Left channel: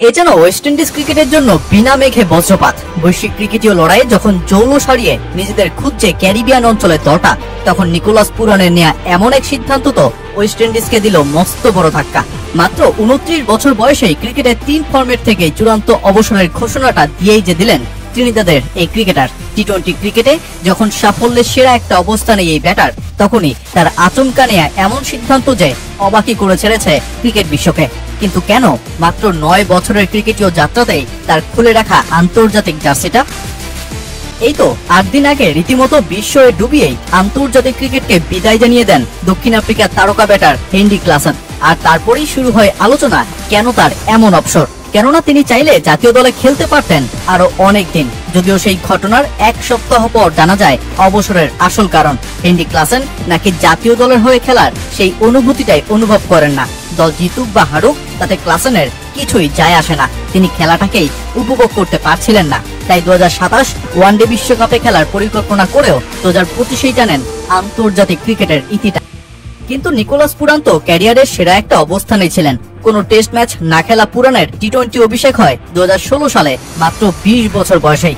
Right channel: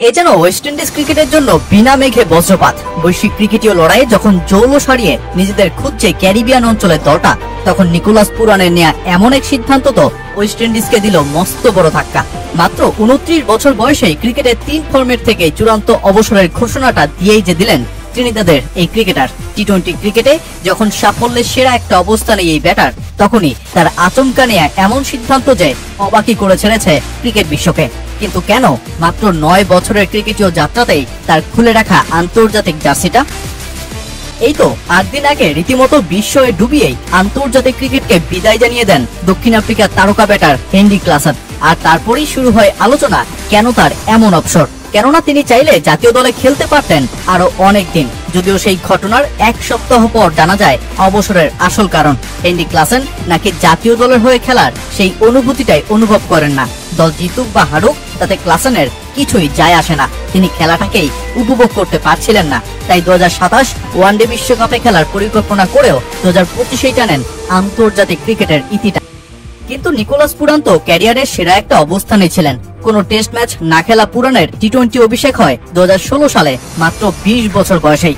এ যেন West Indies ক্রিকেটের জন্য বিনা মেঘে বজ্রপাত। বৈশ্বিক ক্রিকেটীয় লড়াইয়ে যখন জৌল সারিয়ে নিজেদের খুঁজছে ক্যারিবিয়ান অঞ্চলের দলটা, তখন নিকোলাস পুরানের নেয়া এমন এক সিদ্ধান্ত তো ওয়েস্ট ইন্ডিজকে দিল মস্ত বড় ধাক্কা। মাত্র 29 বছর বয়সেই ক্রিকেটের 3 ফরম্যাট থেকে চূড়ান্ত অবসরের ঘোষণাটা দিয়েই যে দিলেন ত্রিনিদাদের এই ক্রিকেটার। টি-20 ক্রিকেটে যখন সাফল্যের সেরা একটা অবস্থানে এই ব্যাটার, তখনই তার আচমকা নেয়া এমন সিদ্ধান্ত যে অবাকই করে ছেড়েছে ক্রিকেট বিশ্বকে। কিন্তু কেন মাত্র 9 বছরের ক্রিকেটীয় যাত্রাতেই তার খুলে রাখা আন্তর্জাতিক জার্সিটা? এই তো 8 দিন আগে রীতিমতো বিস্ময়ে ডুবিয়েই আন্তর্জাতিক ক্রিকেটকে বিদায় জানিয়ে দেন দক্ষিণ আফ্রিকার তারকা ব্যাটার হেনরি ক্লাসেন। আর তারপরেই শুরু হয় আলোচনা কেন তার এমন অবসর। কেননা তিনি চাইলে জাতীয় দলে খেলতে পারতেন আরো অনেক দিন, যদিও সেই ঘটনার 1 সপ্তাহ পর জানা যায় অবসরের আসল কারণ হেনরি ক্লাসেন নাকি জাতীয় দলের হয়ে খেলার সেই অনুভূতিটাই অনুভব করেন না। দল জিতুক বা হারুক তাতে ক্লাসেনের কিছুই যায় আসে না, তিনি খেলাটাকেই উপভোগ করতে পারছিলেন না। তাই 2027 ওয়ানডে বিশ্বকাপে খেলার পরিকল্পনা করেও 2025-এই টানেন আন্তর্জাতিক ক্রিকেটের ইতিটা। কিন্তু নিকোলাস পুরান তো ক্যারিয়ারের সেরা একটা অবস্থানে ছিলেন। কোন টেস্ট ম্যাচ না খেলা পুরানের টি-20 অভিষেক হয় 2016 সালে মাত্র 20 বছর বয়সেই।